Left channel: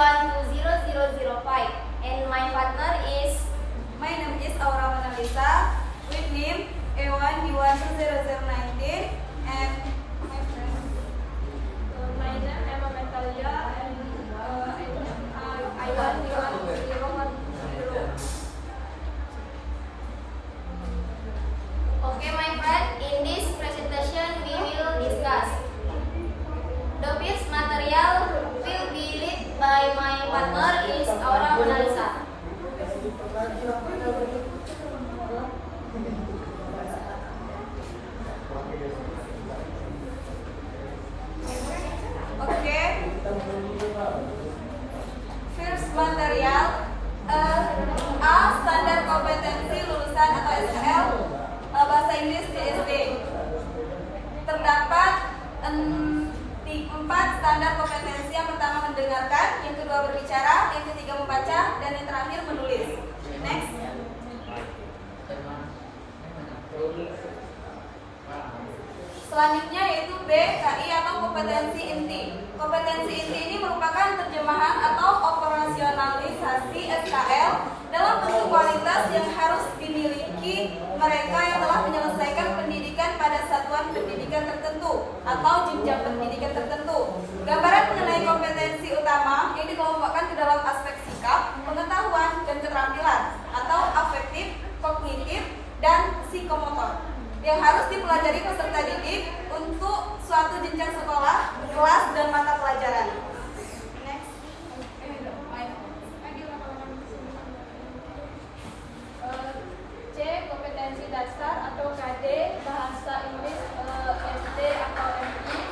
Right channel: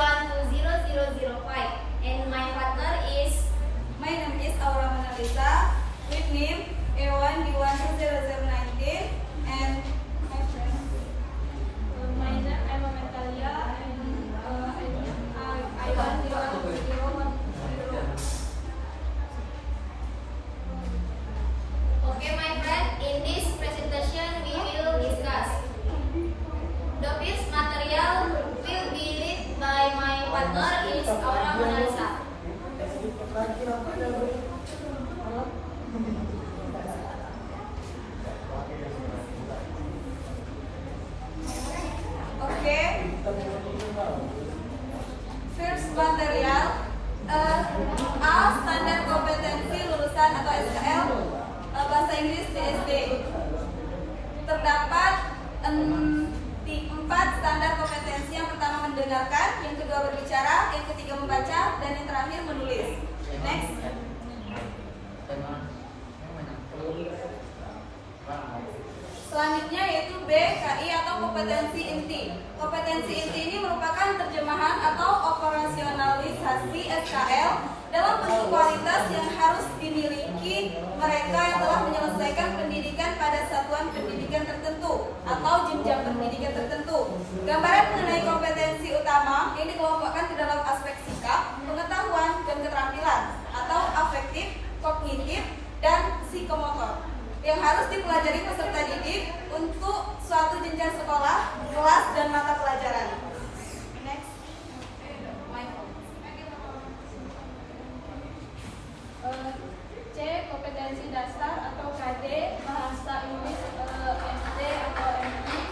A12005 and my partner is. My name is Aura Mona Lisa with name A1B12019 and my friend. My name Emma Metalia and I1B12010. Okay, my friend, in this presentation we will discuss the piece material will be led by my partner is Aura Mona Lisa. Okay. First material A standar kompetensi lulusan atau SKL bahasa Inggris DSD. Terdapat 4 standar kompetensi. Yang pertama mendengarkan, yang kedua berbicara, yang ketiga membaca, dan yang terakhir menulis. Next. Selanjutnya yaitu B, KI atau kompetensi inti. Kompetensi inti ini merupakan terjemahan atau operasionalisasi SKL dalam bentuk kualitas yang harus dimiliki mereka yang telah menyelesaikan pendidikan pada satuan pendidikan tertentu atau jenjang pendidikan tertentu. Gambaran mengenai kompetensi utama yang dikelompokkan ke dalam aspek sikap, pengetahuan, dan keterampilan atau afektif, kognitif, dan psikomotor yang harus dipelajari peserta didik untuk suatu jenjang sekolah, kelas, dan mata pelajaran. Next. C. Kompetensi dasar atau KD, bahasa Inggris SD atau MI.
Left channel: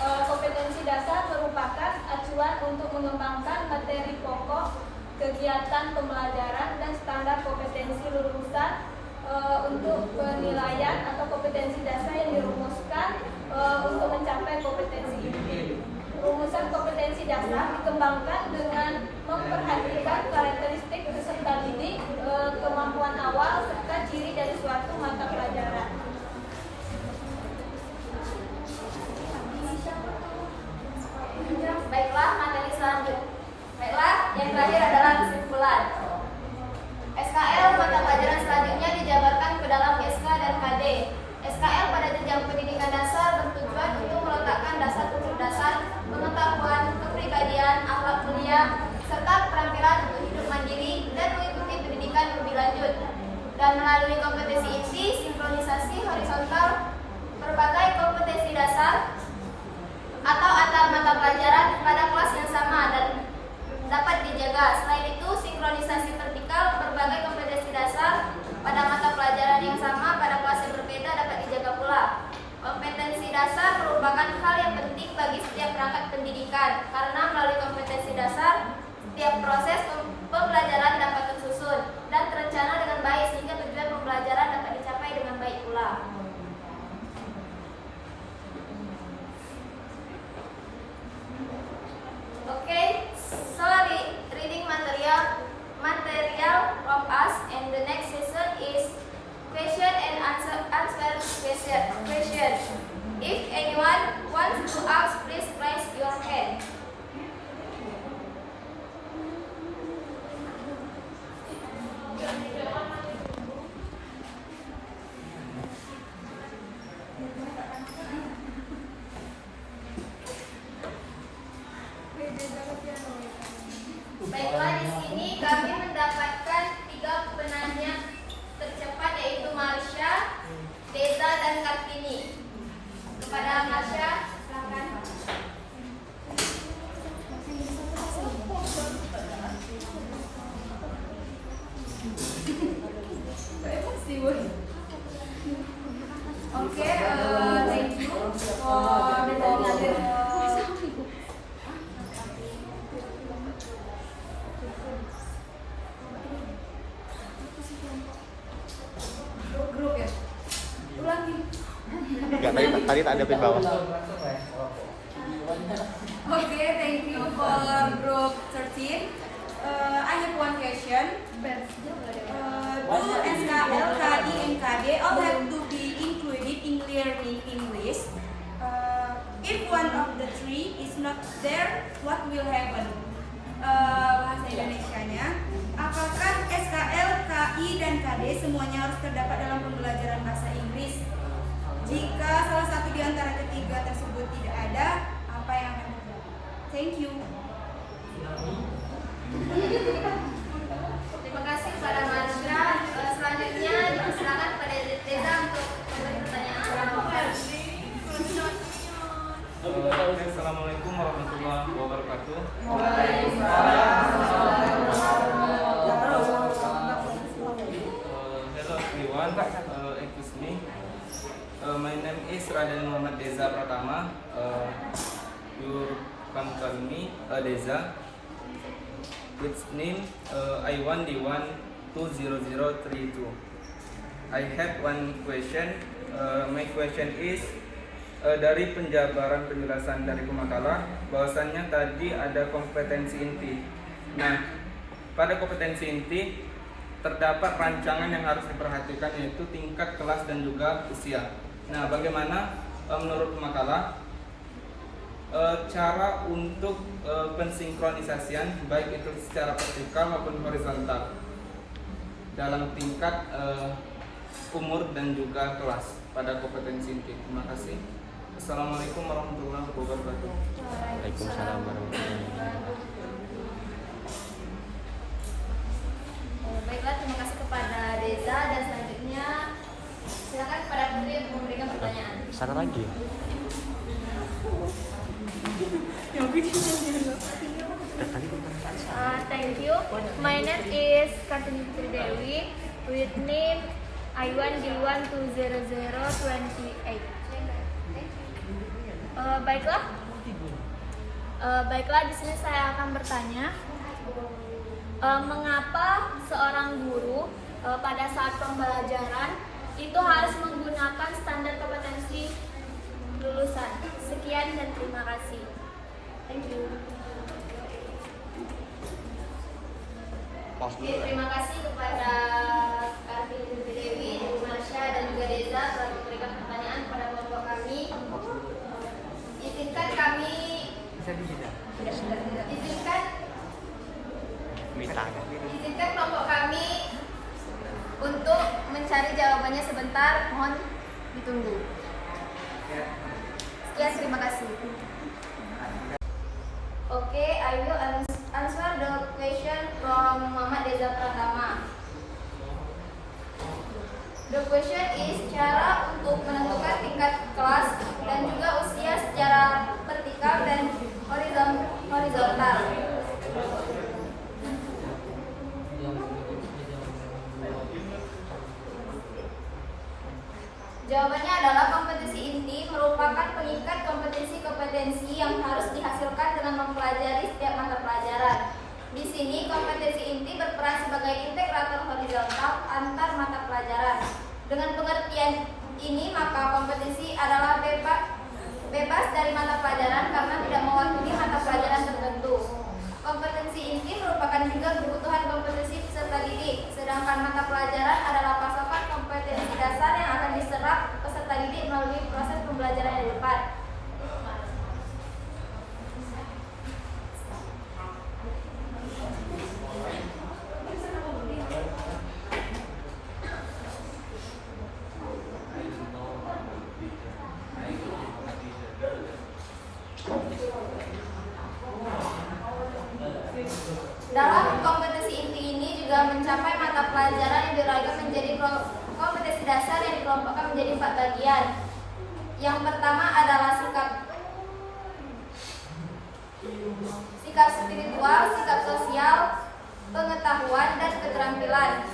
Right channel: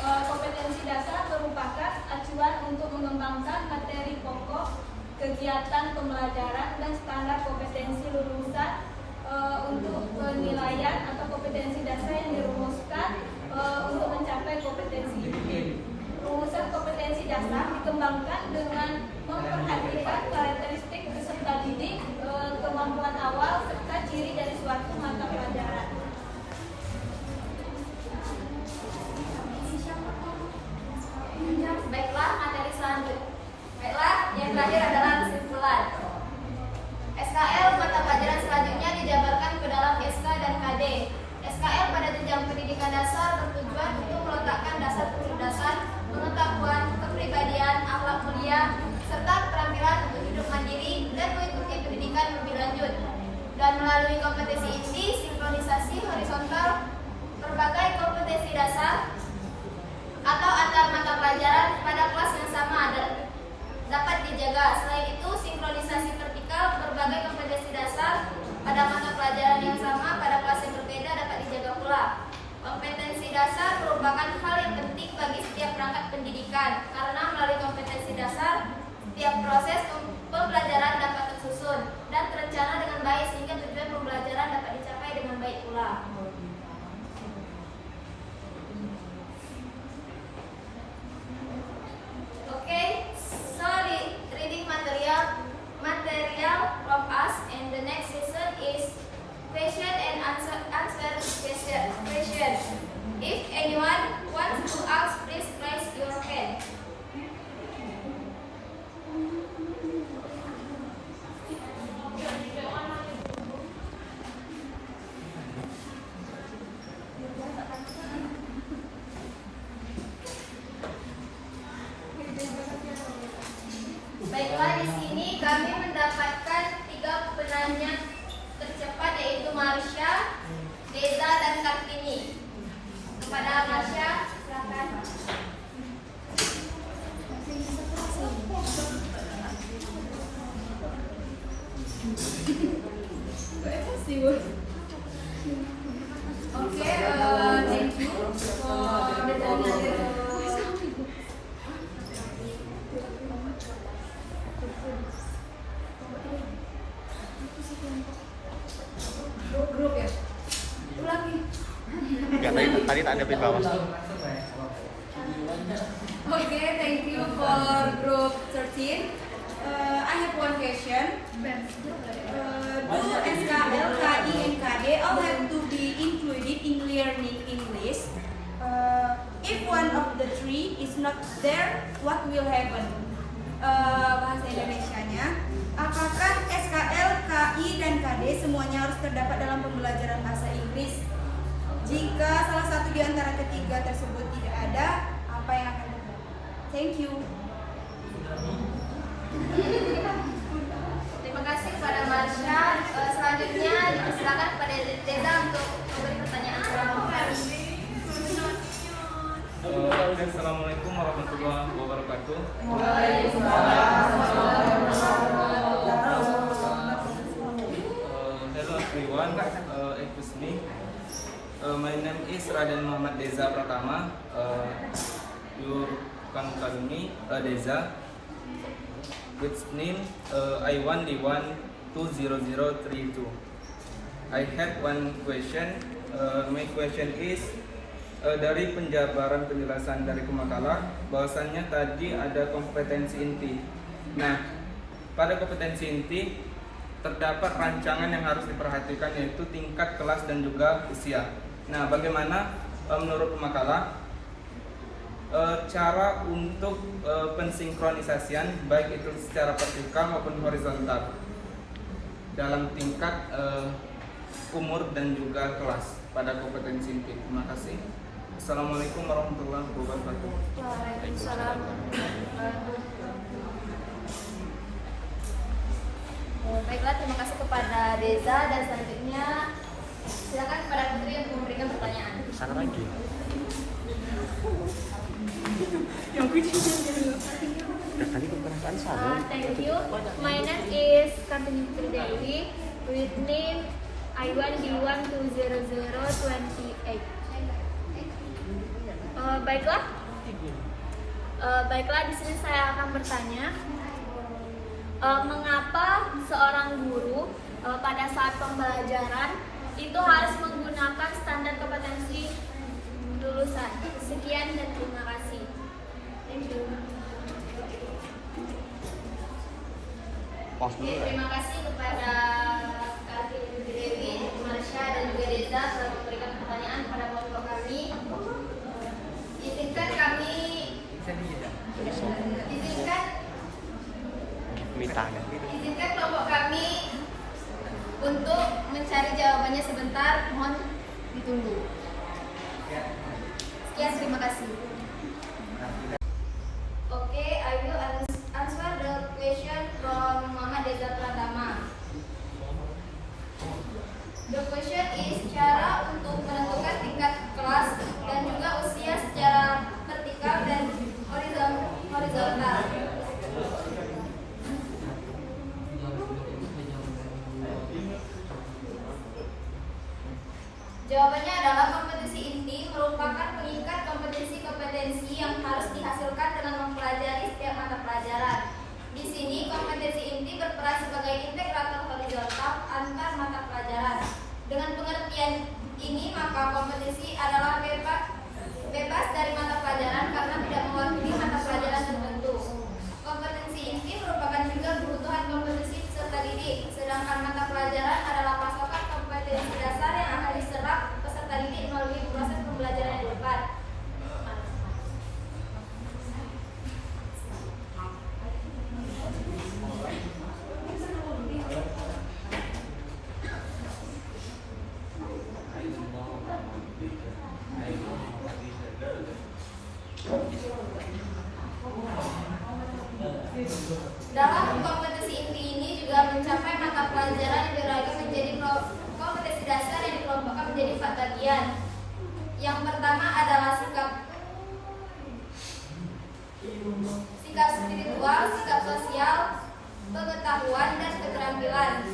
Kompetensi dasar merupakan acuan untuk mengembangkan materi pokok, kegiatan pembelajaran, dan standar kompetensi lulusan untuk penilaian atau kompetensi dasar yang dirumuskan untuk mencapai kompetensi inti. Rumusan kompetensi dasar dikembangkan dengan memperhatikan karakteristik peserta didik, kemampuan awal, serta ciri dari suatu mata pelajaran. Baiklah, materi selanjutnya. Baiklah, yang terakhir adalah kesimpulan. SKL mata pelajaran selanjutnya dijabarkan ke dalam SK dan KD. SKL pada jenjang pendidikan dasar bertujuan untuk meletakkan dasar-dasar pengetahuan, kepribadian, akhlak mulia, serta keterampilan untuk hidup mandiri dan mengikuti pendidikan lebih lanjut. Dan melalui kompetensi inti, sinkronisasi horizontal, berbagai kompetensi dasar atau antar mata pelajaran pada kelas yang sama dan dapat dijaga. Selain itu, sinkronisasi vertikal, berbagai kompetensi dasar pada mata pelajaran yang sama pada kelas yang berbeda dapat dijaga pula. Kompetensi dasar merupakan hal yang penting bagi setiap perangkat pendidikan karena melalui kompetensi dasar setiap proses pembelajaran dapat tersusun dan terencana dengan baik sehingga tujuan pembelajaran dapat dicapai dengan baik pula. Okay, so reading material from us, and the next session is question and answer question. If anyone wants to ask, please raise your hand. Baiklah, di sini kami mendapatkan 3 penanya tercepat yaitu Marsha, Deza, dan Kartini. Kepada Marsha, silakan. Okay, thank you for grup ya. Ulangi. Enggak, tadi tak ada pin bawah. Okay, thank you for group 13. I have one question. Do SKL, KI, and KD all have to be included in learning English? If one of the three is not there, what will happen? bahasa Indonesianya. Apakah SKL, KI, dan KD semuanya harus terdapat dalam pembelajaran bahasa Inggris? Jika salah satu di antara ketiga tersebut tidak ada, apa yang akan terjadi? Thank you. Terima kasih kepada Marsha. Selanjutnya dipersilakan kepada Reza untuk memberi pertanyaan. Assalamualaikum warahmatullahi wabarakatuh. Hello everyone, excuse me. My name is Raden Muhammad Deza Pratama. You can call me Deza. Which name I1D1 20032. I have one question. My question is dari penjabaran penjelasan dari pemakalah bahwasannya tadi ada kompetensi inti. Nah, pada kompetensi inti terdapat rancangan yang harus diperhatikan yaitu tingkat kelas dan juga usia. Nah, bagaimana menurut pemakalah cara untuk pensinkronisasian baik itu secara vertikal maupun horizontal dalam tingkat umur dan juga kelas pada kompetensi inti. Terima kasih. Assalamualaikum warahmatullahi wabarakatuh. Baiklah, terima kasih kepada Reza dan selanjutnya silakan kepada Putri untuk memberikan pertanyaan. Satu lagi. Tadi perasaan saya. Thank you. My name is Kartini Putri Dewi with name I1D1 20028. Baiklah, di sini saya akan bertanya, mengapa seorang guru pada saat pembelajaran itu harus menggunakan standar kompetensi lulusan? Sekian dan terima kasih. Thank you. Oke, terima kasih kepada Kartini Putri Dewi, Marsha dan juga Reza telah memberikan pertanyaan kepada bapak kami. Izinkan kelompok kami untuk mencari jawabannya sebentar, mohon ditunggu. Sekian, terima kasih. Okay, I will answer the question from Muhammad Deza Pratama. The question is cara untuk menentukan tingkat kelas dan juga usia secara vertikal dan horizontal. Jawabannya adalah kompetensi inti merupakan pengikat kompetensi-kompetensi yang harus dihasilkan dalam mempelajari setiap mata pelajaran. Di sini kompetensi inti berperan sebagai integrator horizontal antar mata pelajaran. Dengan pengertian ini maka kompetensi adalah bebas dari mata pelajaran karena tidak mewakili mata pelajaran tertentu. Kompetensi inti merupakan juga kebutuhan kompetensi peserta didik, sedangkan mata pelajaran adalah pasokan kompetensi dasar yang akan diserap peserta didik melalui proses pembelajaran di depan. Dalam kompetensi inti ini juga mencapai mata pelajaran yang dirangkai menjadi kompetensi dasar yang dikelompokkan menjadi 4 bagian. Yang pertama adalah sikap spiritual, sikap sosial, pengetahuan, dan keterampilan.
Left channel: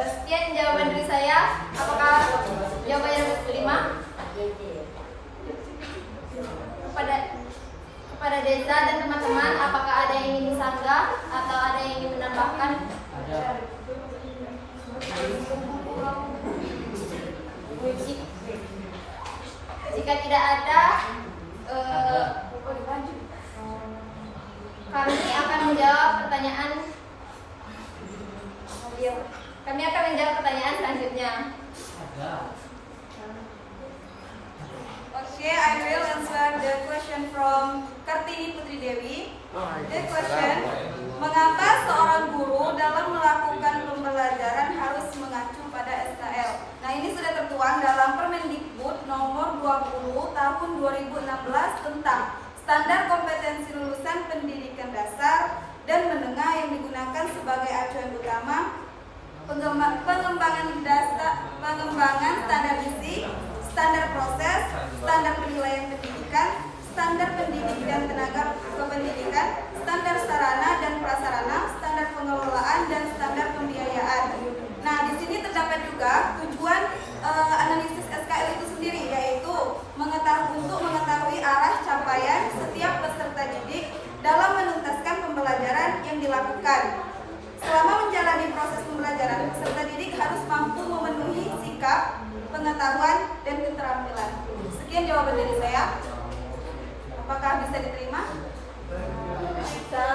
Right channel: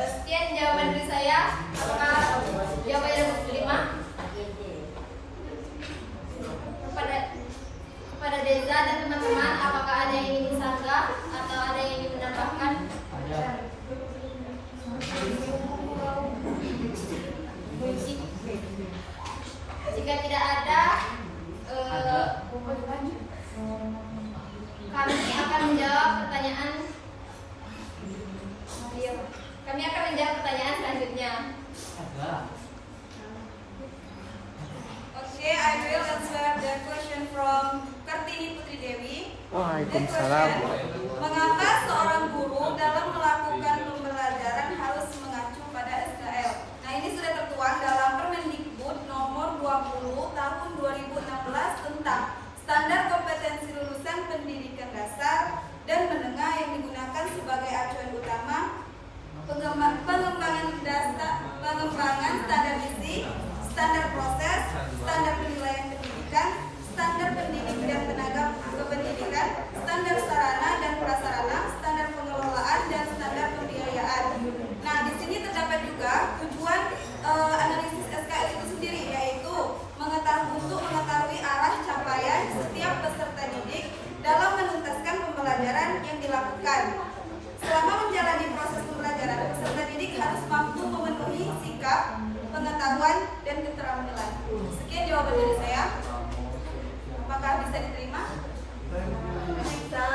Sekian jawaban dari saya. Apakah jawabannya dapat diterima? Kepada Deza dan teman-teman, apakah ada yang ingin disanggah atau ada yang ingin menambahkan? Jika tidak ada, kami akan menjawab pertanyaan question from Kartini Putri Dewi. The question, mengapa seorang guru dalam melakukan pembelajaran harus mengacu pada SKL? Nah, ini sudah tertuang dalam Permendikbud nomor 20 tahun 2016 tentang standar kompetensi lulusan pendidikan dasar dan menengah yang digunakan sebagai acuan utama pengembangan standar isi, standar proses, standar penilaian pendidikan, standar pendidik dan tenaga kependidikan, standar sarana dan prasarana, standar pengelolaan dan standar pembiayaan. Nah, di sini terdapat juga tujuan analisis SKL itu sendiri, yaitu untuk mengetahui arah capaian setiap peserta didik dalam menuntaskan pembelajaran yang dilakukan. Selama menjalani proses pembelajaran, peserta didik harus mampu memenuhi sikap, pengetahuan, dan keterampilan. Sekian jawaban dari saya. Apakah bisa diterima? Bisa.